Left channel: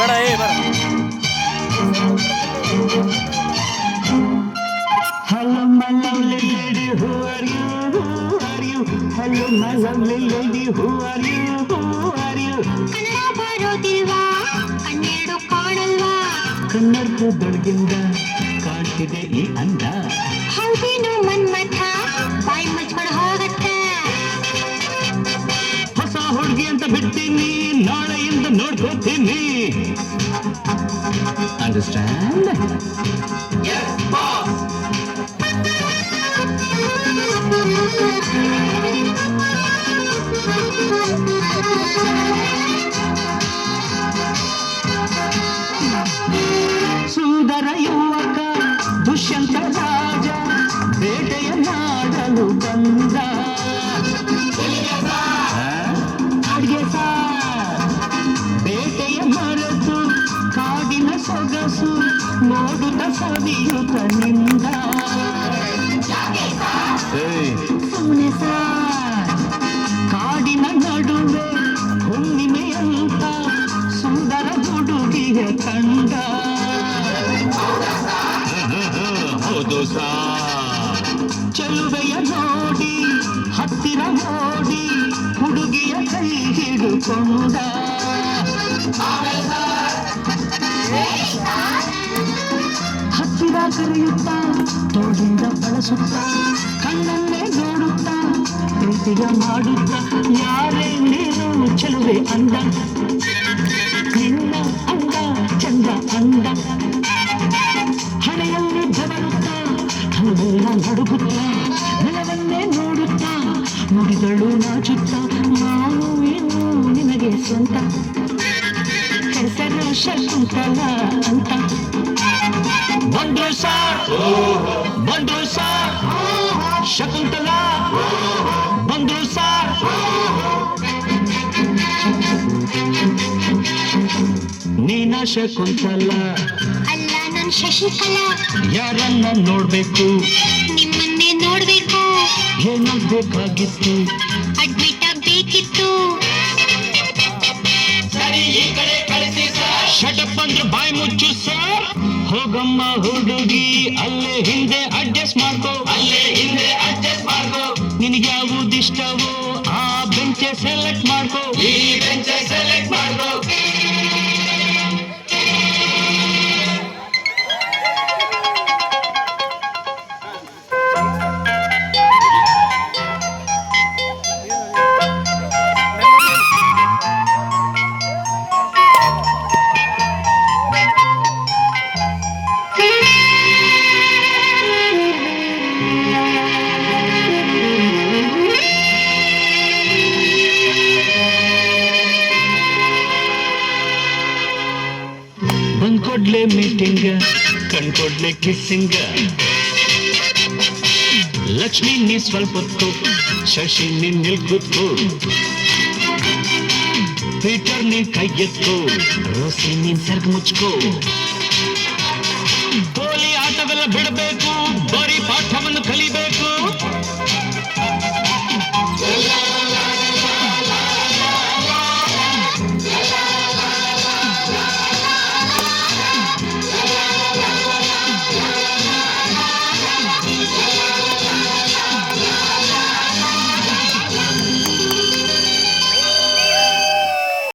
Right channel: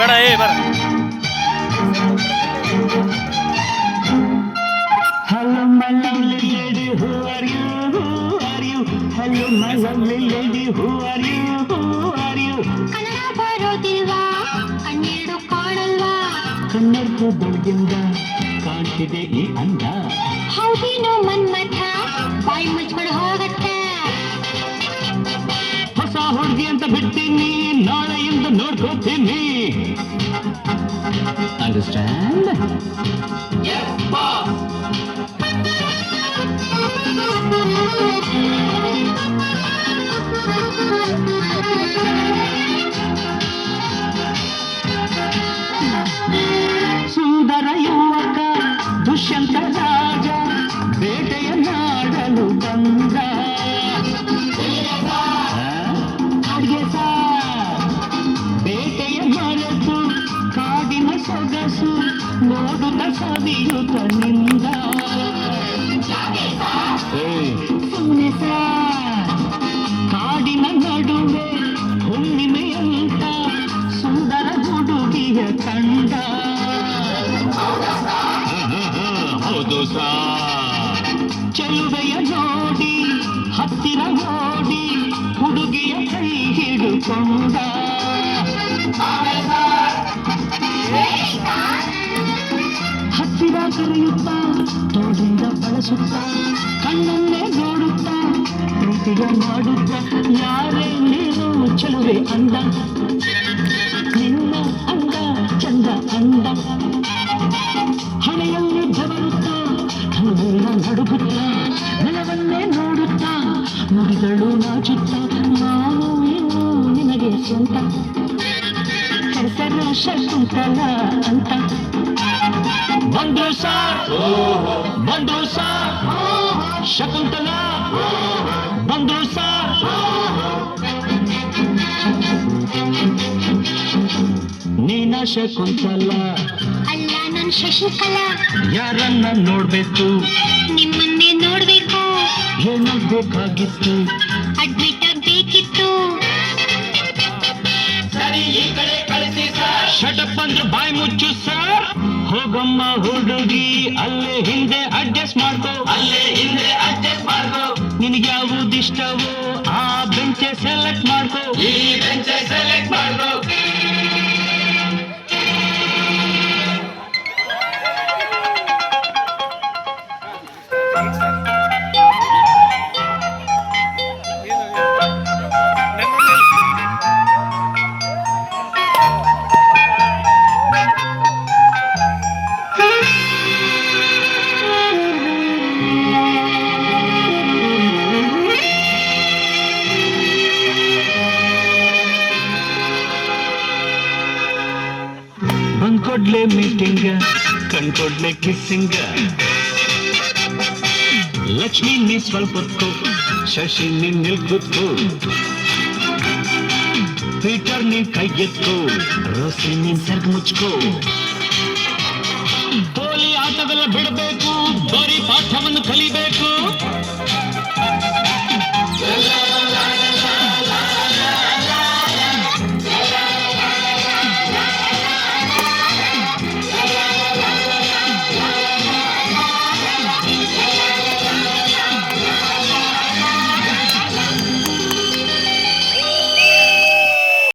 ಬೇಡ ಏ ಬರ. Hello my lovely lady, who are you? Who are you? Hello my lovely lady, who are you? Who are you? Kannada ಬರೋದಿಲ್ವಾ ಕಣ್ಣೀರು ಕಾಣಲ್ವಾ ಕನ್ನಡದ ಬೆಳಗಿಂದ ಕಾಣ್ತಿದೆ ಈ ಅಂದ. ಹೌದೇನೋ ಮನ್ಮಥ ಬಾಯಿ ಮುಚ್ಕೊಂಡು ಹೋಗತ್ತೆ ಹೊಸ ಹುಡುಗಿ ಅಂತ ಬಿಡ್ತೀನಿ ನಾಳೆಯಿಂದ ನೋಡ್ಕೋತೀನಿ. ಅಂಡರ್ಸ್ಟ್ಯಾಂಡ್? ಸುಂದರ ಯುವಕ ದುಷ್ಯಂತ ರಾಜ ಬೇಟೆಯ ನಾಡಲು ಬಂದ. ಅಡ್ಗೆ ಸಾರ್ ಬೇಟೆಯ ಮರೆತು ಕಾಡಿನ ಸೊಗಸು ನೋಡುತ್ತ ಸವಿಯುತ್ತ ನಿಂದ. ಸುಮ್ಮನೆ ಸಾರ್ ಕಾಡಿನ ನಡುವೆ ಹುಣ್ಣಿಮೆಯಂತ ಸುಂದರ ಹುಡುಗಿಯ ಕಂಡ. ಹೌದು ಸಾರ್ ಚೆಲುವೆಯ ನೋಡಿ ಹತ್ತಿರ ನೋಡಿ ಹುಡುಗಿಯ ಕೈ ಹಿಡುಕೊಂಡ. ಹತ್ತಿರ ಕರೆಯುತ್ತ ತೋಡಿಂದ ಬಳಸುತ್ತ ಕಣ್ಣನ್ನೇ ನೋಡುತ್ತ ಪ್ರೀತಿಯ ಮಾಡುತ್ತ ಯಾರೇ ನೀನು ಚೆಲುವೆ ಅಂದ. ನಿನ್ನ ಅಂದ ಚಂದ ಅಂದ ಹಣೆಯಲ್ಲಿ ಬೆವರುತ್ತ ಹಣೆಲ್ಲ ನಡುಗುತ್ತ ನೆಲವನ್ನೇ ನೋಡುತ್ತ ನುಡಿಗಳು ನಾಚುತ್ತ ನಾನು ಇನ್ನು ನಿನಗೆ ಸ್ವಂತ ಹೆಸರು ಶಕುಂತಲ ಅಂತ. ಬಂದ್ರು ಸಾರ್ ಬಂದ್ರು ಸಾರ್ ಶಕುಂತಲ ಬಂದ್ರು ಸಾರ್. ನೀನ ಶಕುಂತಲ ಅಲ್ಲ ನನ್ ಶಶಿಕಲಾ ಯಾರನ್ನ ನೋಡ್ಬೇಕು ನಿಮ್ಮನ್ನೇ ನೋಡ್ಬೇಕು ಏನು ಬೇಕಾಗಿತ್ತು ಅಡ್ಮಿಟ್ ಆಗ್ಬೇಕಿತ್ತು ಶಟಪ್ ಅಂದ್ರೆ ಬಾಯಿ ಮುಚ್ಚು ಸರ್. ಹೋಗಮ್ಮ ಹುಡುಗಿ ಅಲ್ಲೇ ಹಿಂದೆ ಅಡ್ಜಸ್ಟ್ ಮಾಡ್ಕೋ ನಿನಗೆ ಯಾವುದಿಷ್ಟವೋ ಆ ಬೆಂಚೆ ಸೆಲೆಕ್ಟ್ ಮಾಡ್ಕೋ. ಬಂದ್ಕೊಡ್ಲೆ ಮೀಟಿಂಗ್ ಕಣ್ಕೊಡ್ಲೆ ಕಿಸ್ಸಿಂಗ್. ಲಕ್ಷ್ಮಿ ನೀ ಸ್ವಲ್ಪ ಹೊತ್ತು ಶಶಿ ನಿನ್ನಿಲ್ ಕೂತ್ಕೋ. ಪೀಟರ್ ನೀನ್ ಕೈ ಎತ್ಕೋ ರೋಸಿ ನೀನ್ ಸರ್ಗ್ ಮುಚ್ಕೋ.